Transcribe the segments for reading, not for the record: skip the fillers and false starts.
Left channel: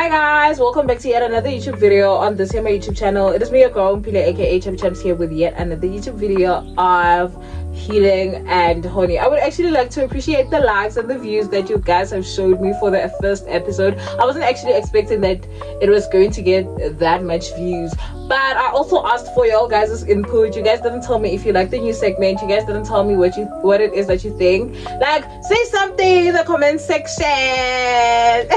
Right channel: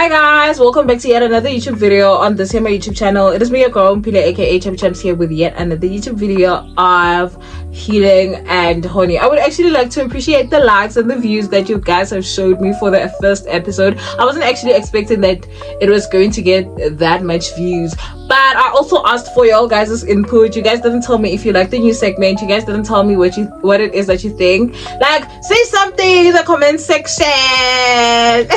Hi guys, welcome back to yet another YouTube video on this here my YouTube channel. It is me, your girl Mpile aka Champs here with yet another YouTube video of healing and honey. I would actually like to appreciate the likes and the views that you guys have showed me for the first episode. I wasn't actually expecting that it was going to get that much views, but I also asked for y'all guys' input. You guys didn't tell me if you like the new segment. You guys didn't tell me what it is that you think. Like, say something in the comment section.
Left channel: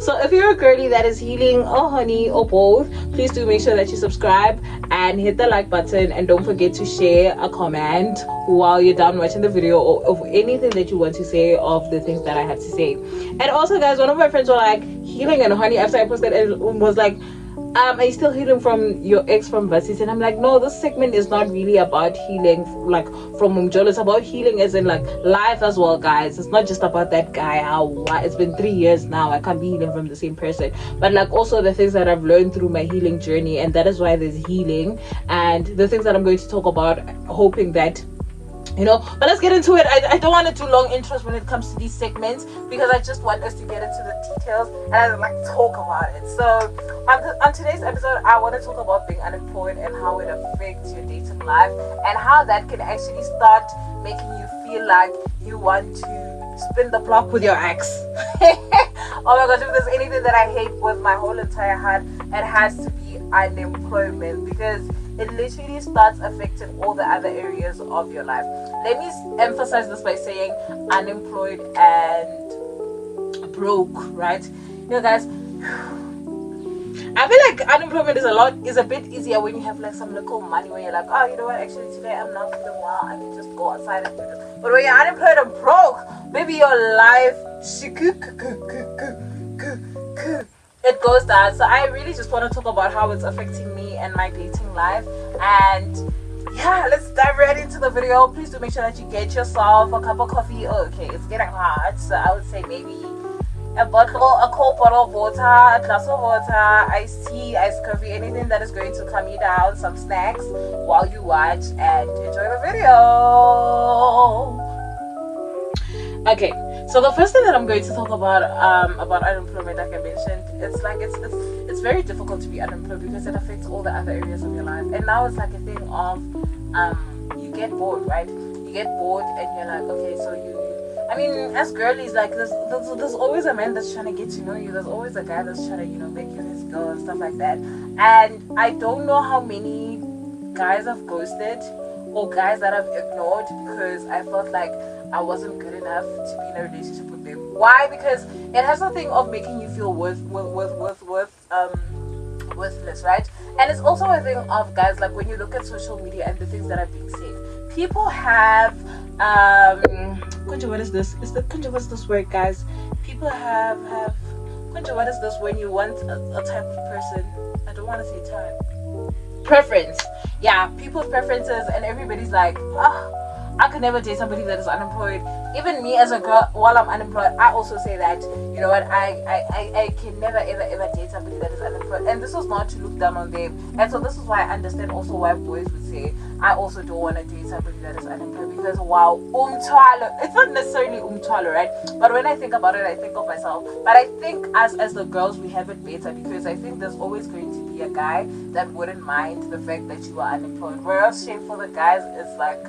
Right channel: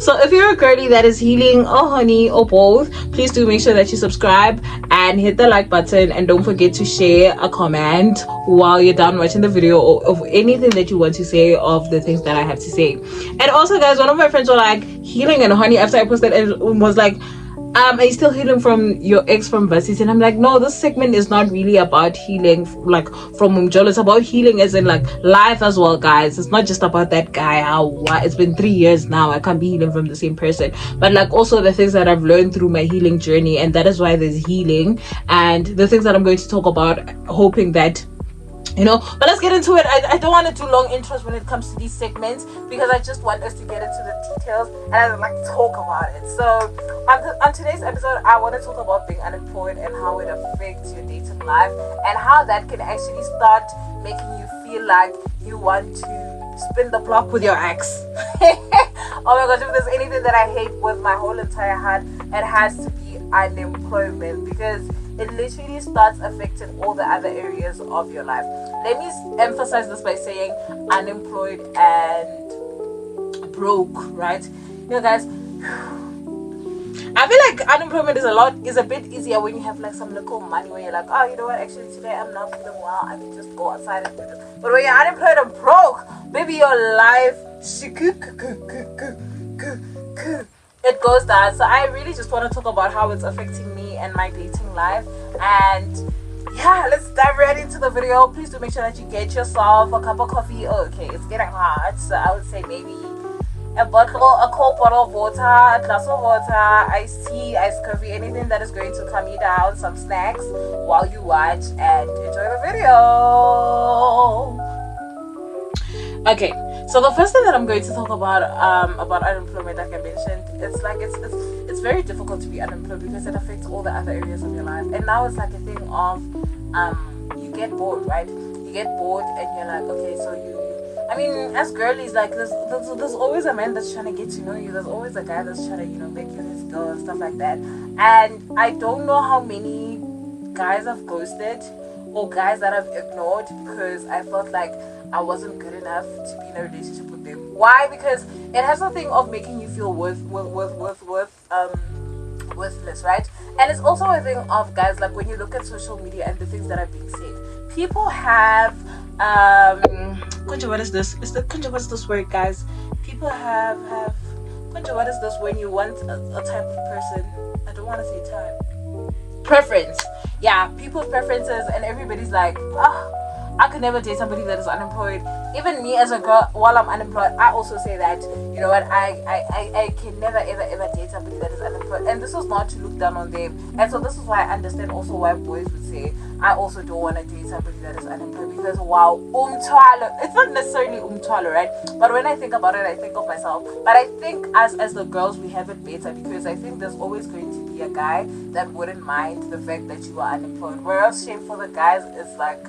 So if you're a girly that is healing or honey or both, please do make sure that you subscribe and hit the like button, and don't forget to share a comment while you're done watching the video or of anything that you want to say of the things that I have to say. And also guys, one of my friends were like, healing and honey, after I posted it, was like, are you still healing from your ex from Basis? And I'm like, no, this segment is not really about healing like from Umjolo. It's about healing as in like life as well, guys. It's not just about that guy. It's been 3 years now, I can't be healing from the same person, but like also the things that I've learned through my healing journey, and that is why there's healing, and the things that I'm going to talk about, hoping that but let's get into it. I don't want to do long intros when it comes to these segments, because I just want us to get into the details and I like to talk about it. So on today's episode, I want to talk about being unemployed and how it affects your dating life, and how that can actually start making you feel like you want to spin the block with your ex. Oh my gosh, if there's anything that I hate with my whole entire heart, it has to be unemployment, because it literally starts affecting all the other areas of your life. Let me emphasize this by saying unemployed and broke, right? Guys, I feel like unemployment is a bit easier when you have like some little money, where you're like, oh, you know what, actually today I'm not feeling well, I can just go outside and do this. But when you're unemployed and broke, maybe your life it goes down. So I really just want to talk about how it's affecting me and my dating life. And yeah, let's dive right into the video. Please do make sure that you get yourself a cup of coffee. Okay, it's getting hot, so I would say maybe a cold bottle of water, a glass of water, iced tea, iced coffee, anything that is going to calm you down, some snacks while you watch and enjoy the video. Okay, so the first thing that I'm going to talk about unemployment, like I mentioned, it's very difficult to be unemployed because it affects all the other areas of your life. And now it's like a thing of you get bored, right? You get bored and you're like, okay, so I mean, as girlies, like there's always a man that's trying to get to know you. There's always a guy that's trying to make you his girl and stuff like that. And I don't know how many guys I've ghosted or guys that I've ignored because I felt like I wasn't good enough to be in a relationship with them. Why? Because it has a thing of making you feel worthless, right? And it's also a thing of, guys, like when you look at social media and the things that are being said, people have what is this? What's this word, guys? People have what is this when you want a type of person? I don't want to say type. Preference. Yeah, people's preferences, and everybody's like, I could never date somebody that is unemployed. Even me as a girl, while I'm unemployed, I also say that, you know what, I can never ever date somebody that is unemployed. And this is not to look down on them. And so this is why I understand also why boys would say, I also don't want to date somebody that is unemployed, because wow, it's not necessarily right? But when I think about it, I think of myself. But I think as the girls, we have it better, because I think there's always going to be a guy that wouldn't mind the fact that you are unemployed. Whereas shame for the guys is like,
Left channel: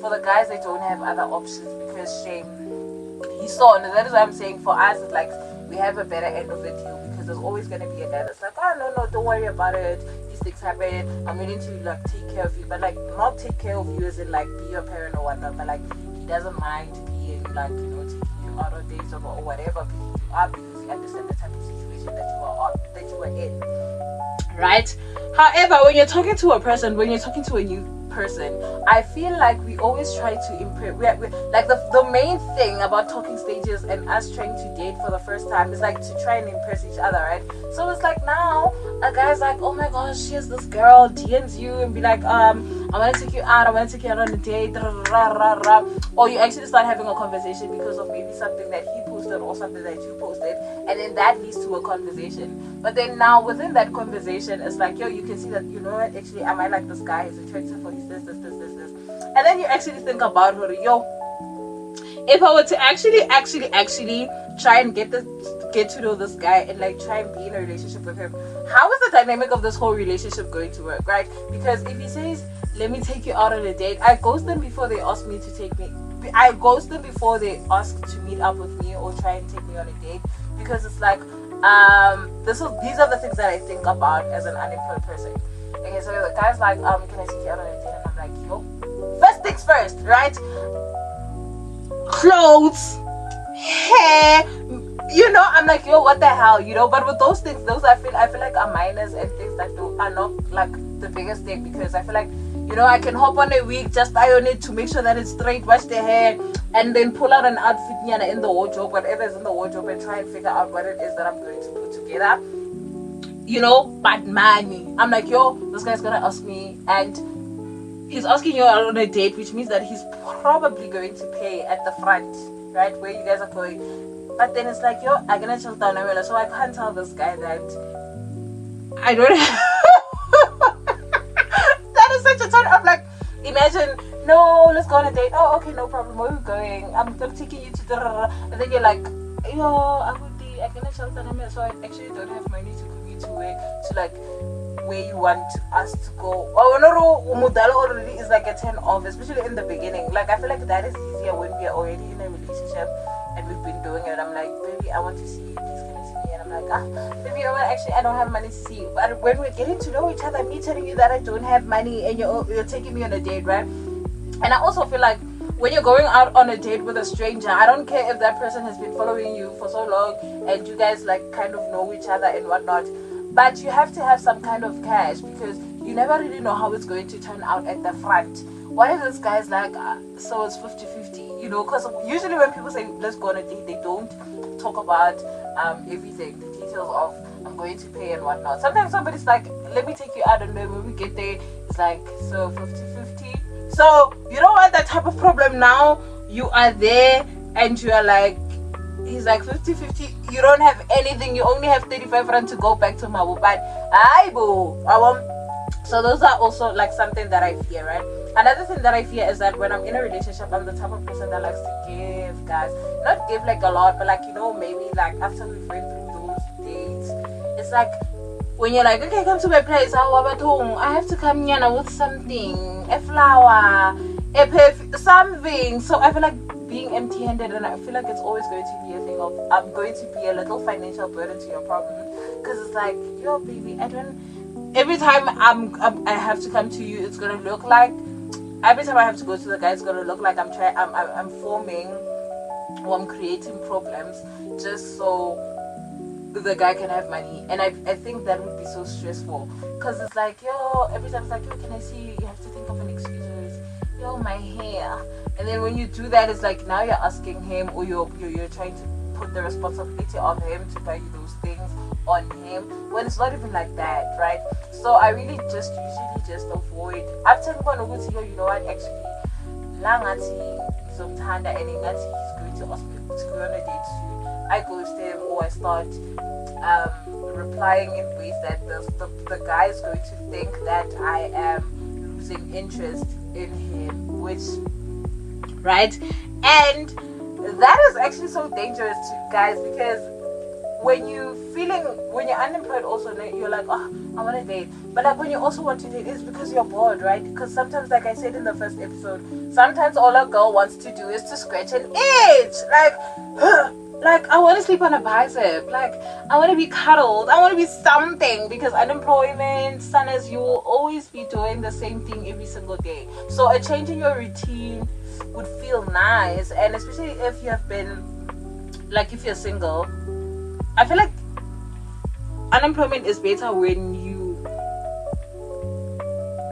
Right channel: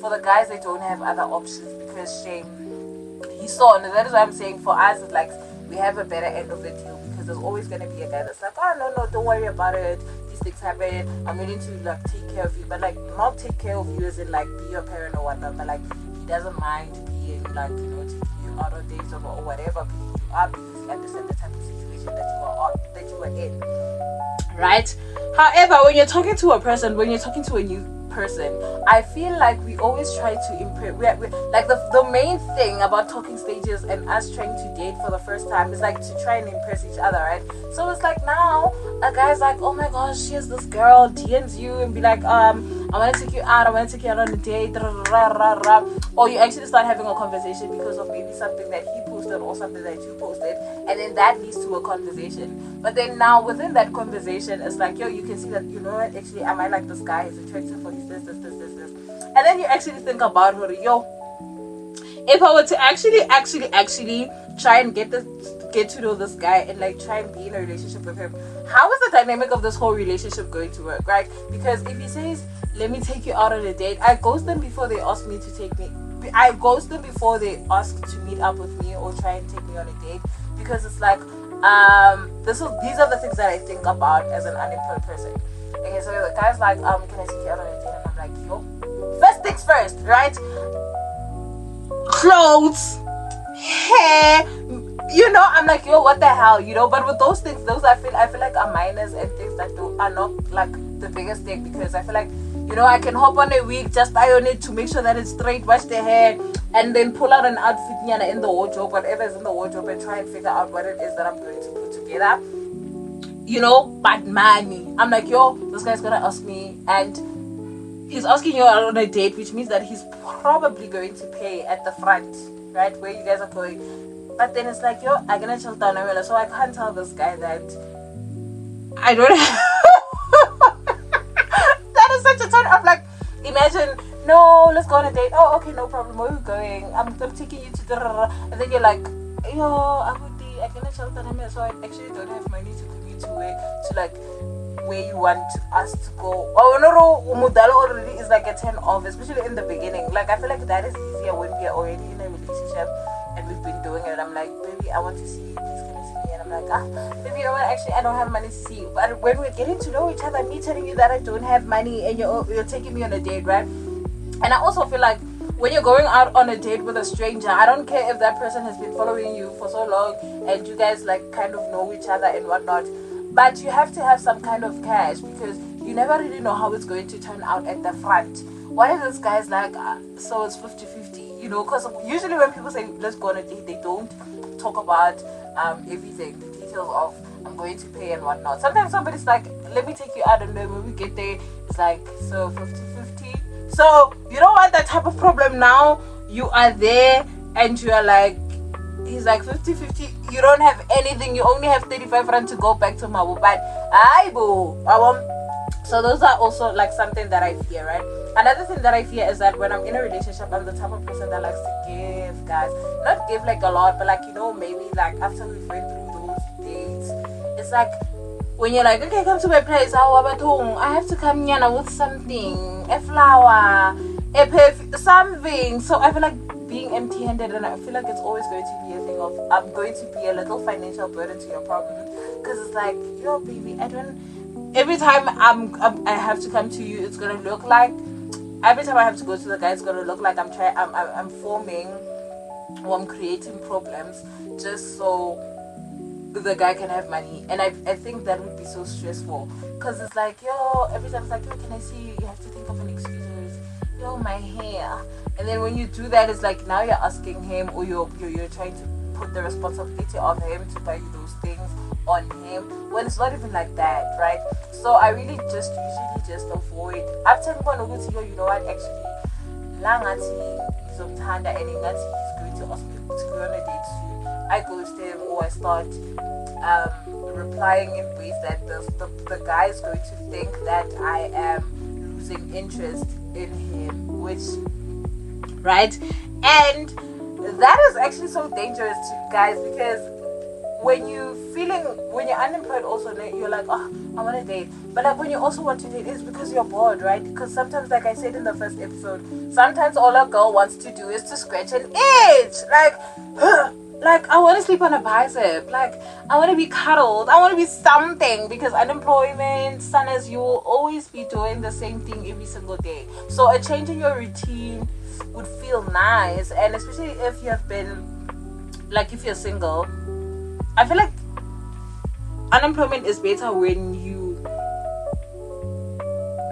for the guys, they don't have other options, because shame, and that is why I'm saying for us, it's like we have a better end of the deal, because there's always going to be a guy that's like, oh no, don't worry about it, these things happen, I'm willing to like take care of you, but like not take care of you as in like be your parent or whatnot, but like he doesn't mind being like, taking you out on dates or whatever, because you are, because he understands the type of situation that you were in, right? However, when you're talking to a person, when you're talking to a new person, I feel like we always try to impress. We like the main thing about talking stages and us trying to date for the first time is like to try and impress each other, right? So it's like now a guy's like, oh my gosh, here's this girl, DMs you and be like, I want to take you out, on a date, or you actually start having a conversation because of maybe something that he posted or something that you posted, and then that leads to a conversation. But then now within that conversation, it's like, yo, you can see that, you know what, actually I might like this guy, he's attractive for you, this. And then you actually think about her, yo, if I were to actually try and get get to know this guy and like try and be in a relationship with him, how is the dynamic of this whole relationship going to work, right? Because if he says, let me take you out on a date, I ghost them before they ask me to take me. I ghost them before they ask to meet up with me or try and take me on a date, because it's like these are the things that I think about as an unemployed person. Okay, so the guy's like, can I take you out on a date? And I'm like, yo, first things first, right? Clothes, hair, you know, I'm like, yo, what the hell, you know? But with those things, those I feel like are minors and things that are not like the biggest thing, because I feel like, you know, I can hop on a wig, just iron it to make sure that it's straight, wash the hair, and then pull out an outfit in the wardrobe, whatever is in the wardrobe, and try and figure out what it is that I'm going to put together, you know. But money, I'm like, yo, this guy's gonna ask me, and he's asking you out on a date, which means that he's probably going to pay at the front, right, where you guys are going. But then it's like, yo, I'm gonna chill down, so I can't tell this guy that I don't have that is such a turn off. Like, imagine, no, let's go on a date. Oh, okay, no problem, where are we going? I'm taking you to the, and then you're like, yo, I'm gonna chill down, so I actually don't have money to commute to where you want us to go. Oh no, Mudala already is like a 10 off, especially in the beginning. Like, I feel like that is easier when we are already in a relationship and we've been doing it. I'm like, baby, I want to see you, please come and see me. And I'm like, baby, you know what, actually I don't have money to see you. But when we're getting to know each other, me telling you that I don't have money and you're taking me on a date, right? And I also feel like when you're going out on a date with a stranger, I don't care if that person has been following you for so long and you guys like kind of know each other and whatnot, but you have to have some kind of cash, because you never really know how it's going to turn out at the front. What if this guy's like, so it's 50-50, you know? Because usually when people say let's go on a date, they don't talk about everything, the details of I'm going to pay and whatnot. Sometimes somebody's like, let me take you out, and then when we get there, it's like, so 50-50. So you don't want that type of problem. Now you are there and you are like, he's like 50-50, you don't have anything, you only have 35 rand to go back to Mabu. But so those are also like something that I fear, right? Another thing that I fear is that when I'm in a relationship, I'm the type of person that likes to give, guys. Not give like a lot, but like, you know, maybe like after we've went through those dates, it's like when you're like, okay, come to my place, I have to come here with something, a flower, a perfume, something. So I feel like being empty-handed, and I feel like it's always going to be a thing of, I'm going to be a little financial burden to your problem, because it's like, yo, baby, every time I have to come to you, it's gonna look like, every time I have to go to the guy, it's gonna look like I'm forming or I'm creating problems just so the guy can have money. And I think that would be so stressful, because it's like, yo, every time it's like, yo, can I see you? You have to think of an excuse. Yo, my hair. And then when you do that, it's like now you're asking him, or you're trying to put the responsibility on him to buy you those things on him, when it's not even like that, right? So I really just usually just avoid. After people know, you know what, actually Langati is Omtanda and Ingati is going to ask me to go on a date soon, I ghost him, or I start replying in ways that the guy is going to think that I am losing interest in him, which, right? And that is actually so dangerous to guys, because when you're unemployed also, you're like, oh, I want to date. But like when you also want to date, it's because you're bored, right? Because sometimes, like I said in the first episode, sometimes all a girl wants to do is to scratch an itch. Like I want to sleep on a bicep. Like I want to be cuddled. I want to be something, because unemployment, son, as you will always be doing the same thing every single day. So a change in your routine would feel nice, and especially if you have been, like, if you're single, I feel like unemployment is better when you,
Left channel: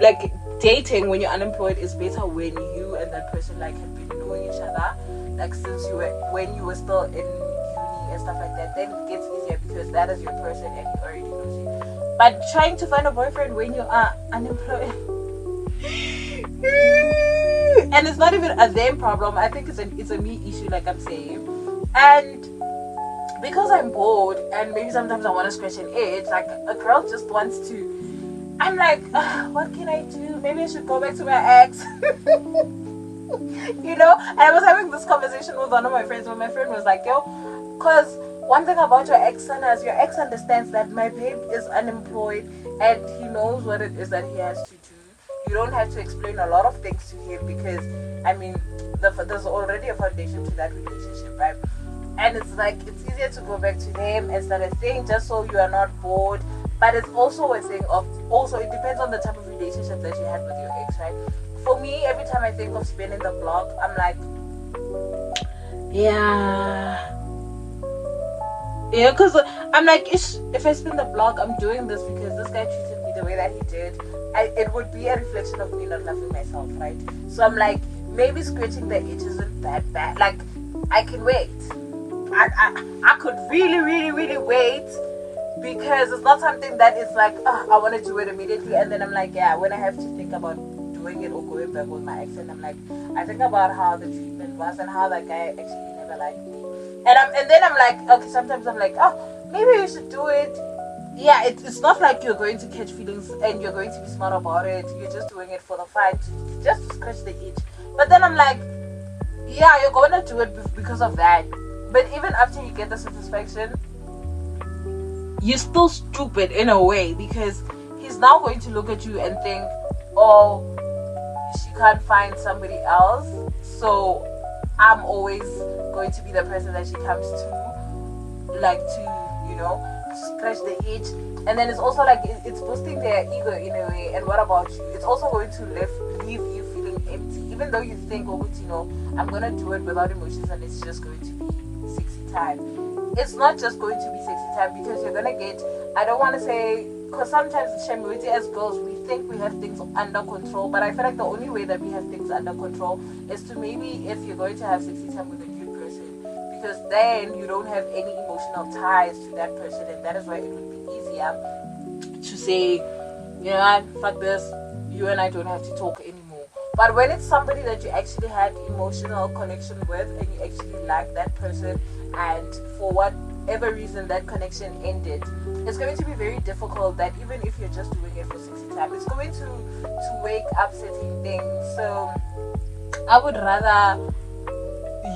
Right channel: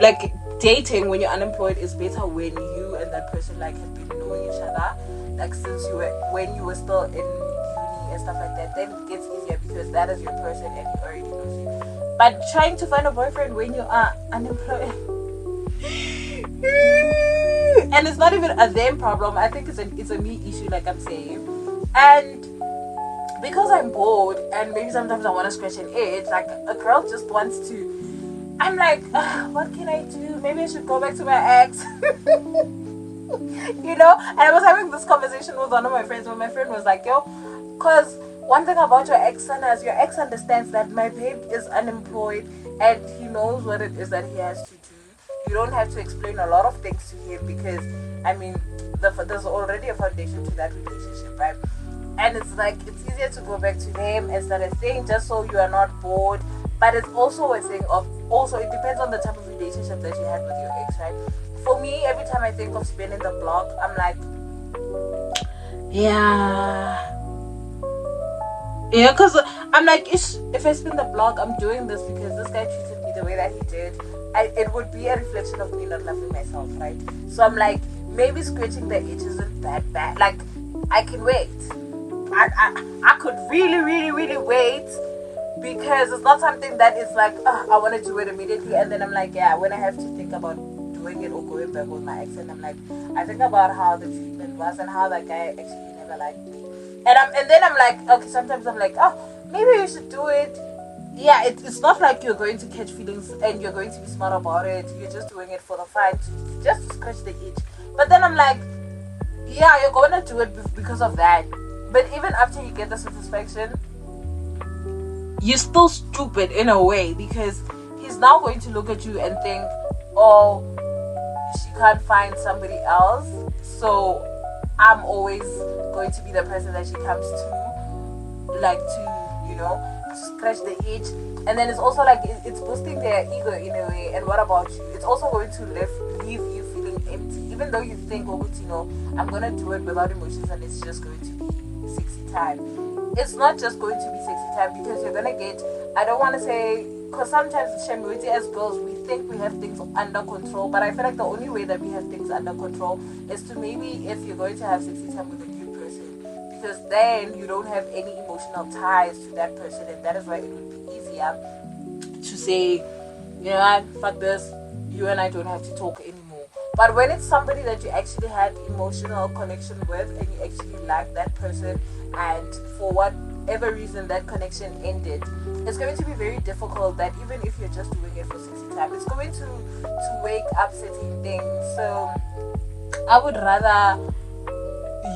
like, dating when you're unemployed is better when you and that person like have been knowing each other, like since when you were still in uni and stuff like that. Then it gets easier because that is your person and he already knows you. But trying to find a boyfriend when you are unemployed and it's not even a them problem, I think it's a me issue, like I'm saying. And because I'm bored and maybe sometimes I want to scratch an itch, like a girl just wants to, I'm like, what can I do? Maybe I should go back to my ex. You know? And I was having this conversation with one of my friends, where my friend was like, yo, because one thing about your ex, son, is your ex understands that my babe is unemployed and he knows what it is that he has to do. You don't have to explain a lot of things to him because, I mean, there's already a foundation to that relationship, right? And it's like, it's easier to go back to him and start a thing just so you are not bored. But it's also a thing of, also it depends on the type of relationship that you had with your ex, right? For me, every time I think of spinning the block, I'm like, yeah, because I'm like, if I spin the block, I'm doing this because this guy treated me the way that he did. It would be a reflection of me not loving myself, right? So I'm like, maybe scratching the itch isn't that bad. Like, I can wait. I could really, really, really wait, because it's not something that is like, I want to do it immediately, and then I'm like, yeah, when I have to think about doing it or going back with my ex, and I'm like, I think about how the treatment was and how that guy actually never liked me, and then I'm like, okay, sometimes I'm like, oh, maybe you should do it. Yeah, it's not like you're going to catch feelings and you're going to be smart about it. You're just doing it for the fun, just to scratch the itch. But then I'm like, yeah, you're going to do it because of that. But even after you get the satisfaction, you're still stupid in a way, because he's now going to look at you and think, oh, she can't find somebody else, so I'm always going to be the person that she comes to, like, to, you know, scratch the itch. And then it's also like, it's boosting their ego in a way. And what about you? It's also going to leave you feeling empty, even though you think, oh, you know, I'm gonna do it without emotions and it's just going to be sexy time. It's not just going to be sexy time, because you're gonna get, I don't want to say, because sometimes as girls we think we have things under control, but I feel like the only way that we have things under control is to maybe, if you're going to have sexy time with a new person, because then you don't have any emotional ties to that person, and that is why it would be easier to say, yeah, fuck this, you and I don't have to talk anymore. But when it's somebody that you actually had emotional connection with, and you actually like that person, and for whatever reason that connection ended, it's going to be very difficult that even if you're just doing it for 60 time, it's going to wake up certain things. So I would rather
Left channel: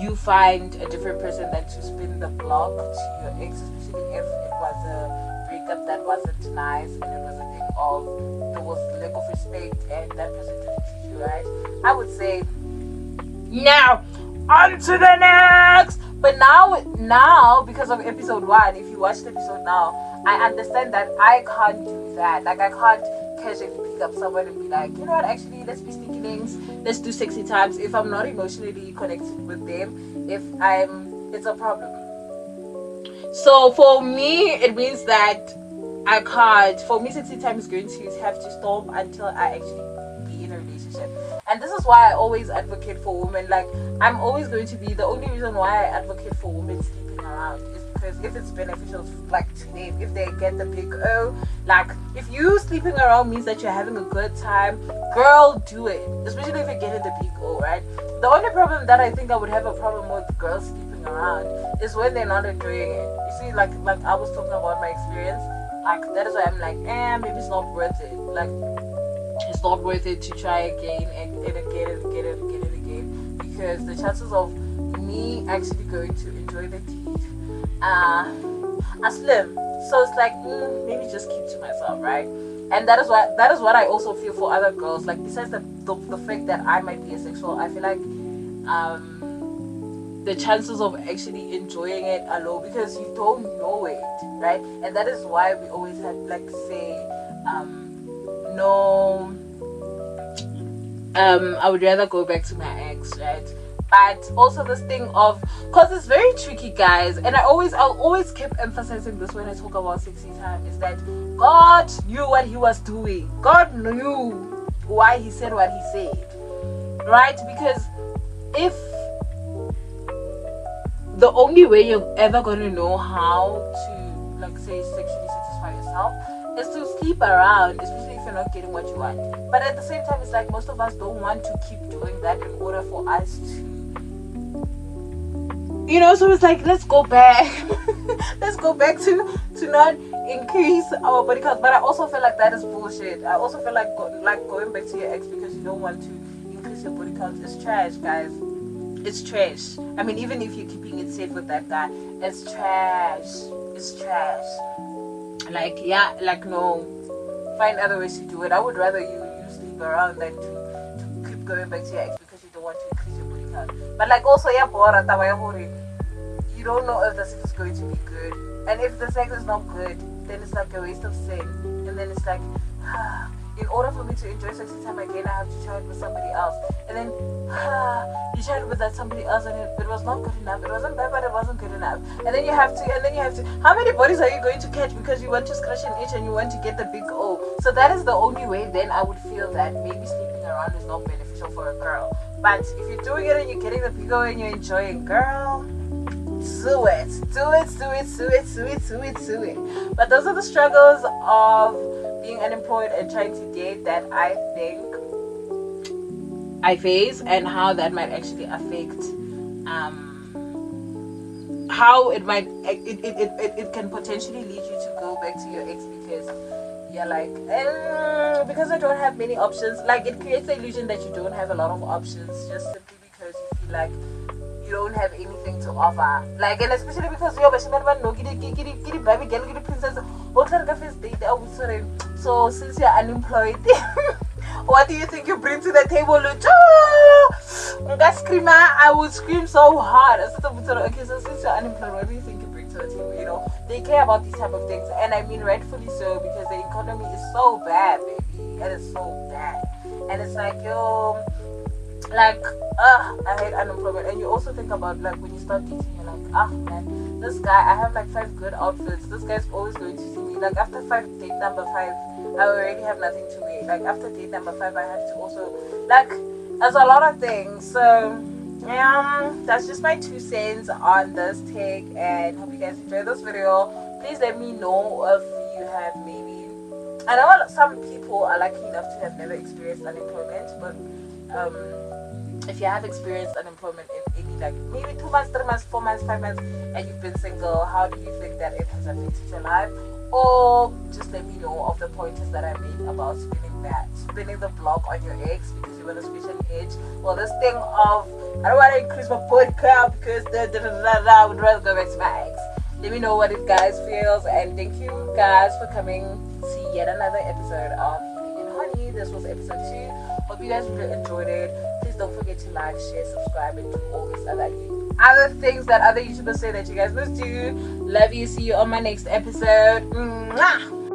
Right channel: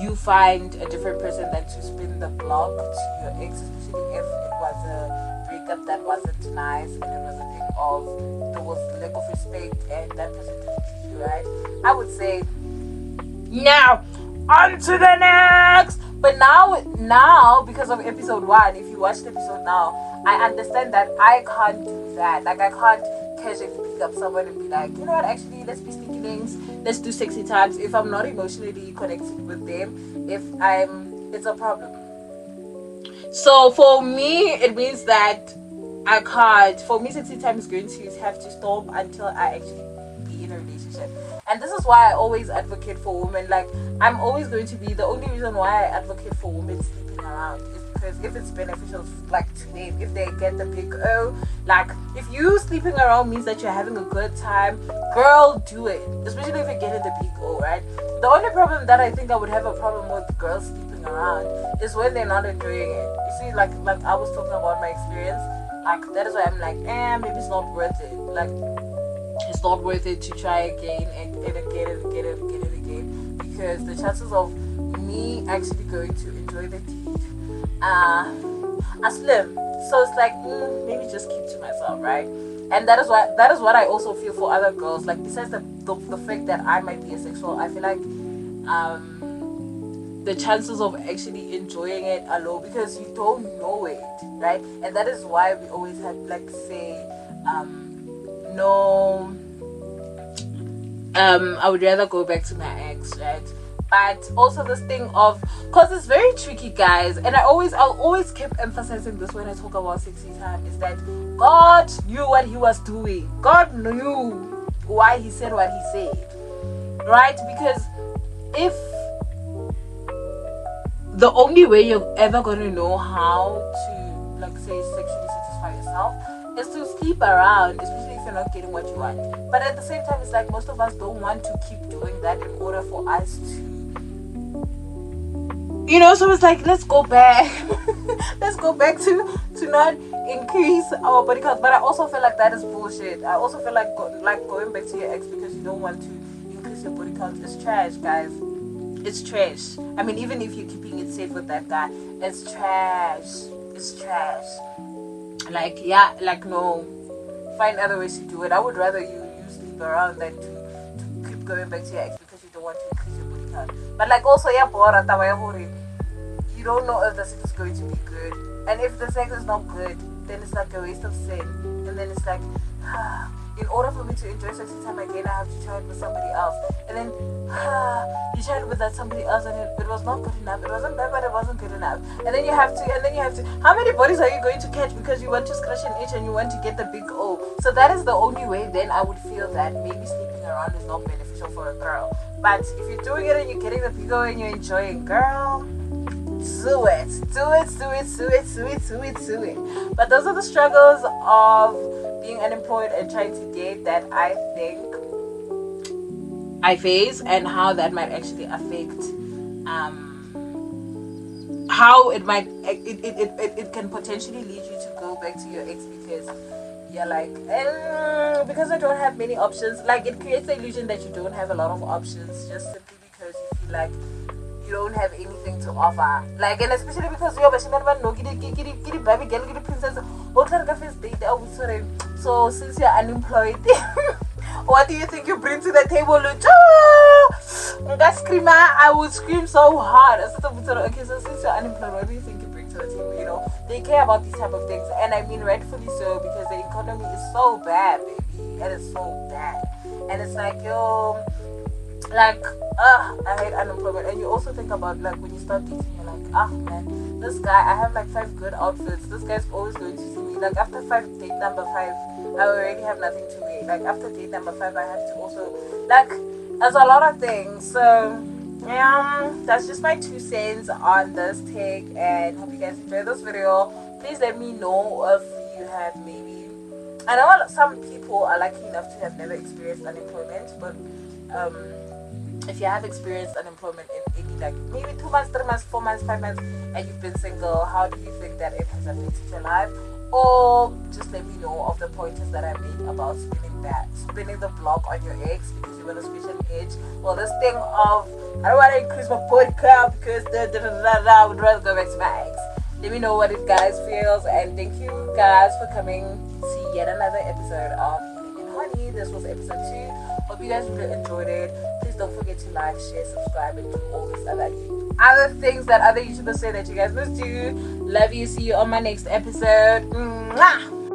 you find a different person than to spin the block to your ex, especially if it was a breakup that wasn't nice and it was a thing of, there was lack of respect and that person didn't treat you right. I would say, now on to the next. But now because of episode 1, if you watched the episode now, I understand that I can't do that. Like, I can't casually pick up someone and be like, you know what, actually, let's be sneaky links, let's do sexy times, if I'm not emotionally connected with them, it's a problem. So for me, it means that I can't. For me, sexy time is going to have to stop until I actually be in a relationship. And this is why I always advocate for women. Like, I'm always going to be, the only reason why I advocate for women sleeping around is because if it's beneficial, like, to them, if they get the big O, like, if you sleeping around means that you're having a good time, girl, do it. Especially if you're getting the big O, right? The only problem that I think I would have a problem with girls sleeping around is when they're not enjoying it. You see, like I was talking about my experience, like, that is why I'm like, maybe it's not worth it. Like, it's not worth it to try again and again, because the chances of me actually going to enjoy the deed are slim. So it's like, maybe just keep to myself, right? And that is what I also feel for other girls. Like, besides the fact that I might be asexual, I feel like the chances of actually enjoying it are low because you don't know it, right? And that is why we always have, like, say, no, I would rather go back to my ex, right? But also this thing of, because it's very tricky, guys, and I'll always keep emphasizing this when I talk about sexy time, is that God knew what he was doing. God knew why he said what he said, right? Because if the only way you're ever going to know how to, like, say, sexually satisfy yourself is to sleep around, especially if you're not getting what you want. But at the same time, it's like most of us don't want to keep doing that in order for us to, you know, so it's like, let's go back let's go back to not increase our body count. But I also feel like that is bullshit. I also feel like going back to your ex because you don't want to increase your body count is trash, guys. it's trash. I mean, even if you're keeping it safe with that guy, it's trash. It's trash. Like, yeah, like, no, find other ways to do it. I would rather you sleep around than to keep going back to your ex because you don't want to increase your body count. But like, also, yeah, you don't know if the sex is going to be good, and if the sex is not good, then it's like a waste of sin. And then it's like, in order for me to enjoy sex time again, I have to try it with somebody else. And then you tried it with that somebody else, and it was not good enough. It wasn't bad, but it wasn't good enough. And then you have to. How many bodies are you going to catch because you want to scratch an itch and you want to get the big O? So that is the only way. Then I would feel that maybe sleeping around is not beneficial for a girl. But if you're doing it and you're getting the big O and you're enjoying, girl, do it. But those are the struggles of being unemployed and trying to date that I think I face, and how that might actually affect how it can potentially lead you to go back to your ex because you're like, because I don't have many options. Like, it creates the illusion that you don't have a lot of options just simply because you feel like you don't have anything to offer. Like, and especially because you're baby girl, princess. So since you're unemployed, what do you think you bring to the table? I would scream so hard. Okay, so since you're unemployed, what do you think you bring to the table? You know, they care about these type of things, and I mean rightfully so, because the economy is so bad, baby. It is so bad, and it's like, yo, like, I hate unemployment. And you also think about, like, when you start dating, you're like, man, this guy, I have like 5 good outfits. This guy's always going to see me. Like, after date number 5, I already have nothing to wear. Like, after date number 5, I have to also, like, there's a lot of things. So yeah, that's just my 2 cents on this take, and hope you guys enjoyed this video. Please let me know if you have maybe, I know some people are lucky enough to have never experienced unemployment, but if you have experienced unemployment in any, like, maybe 2 months, 3 months, 4 months, 5 months, and you've been single, how do you think that it has affected your life? Or just let me know of the pointers that I made about spinning the block on your ex because you want to squish an itch, or this thing of, I don't want to increase my body count because I would rather go back to my ex. Let me know what it guys feels, and thank you guys for coming to yet another episode of Healing and Honey. This was episode 2. Hope you guys really enjoyed it. Please don't forget to like, share, subscribe, and do all these other things that other YouTubers say that you guys must do. Love you. See you on my next episode. Mwah!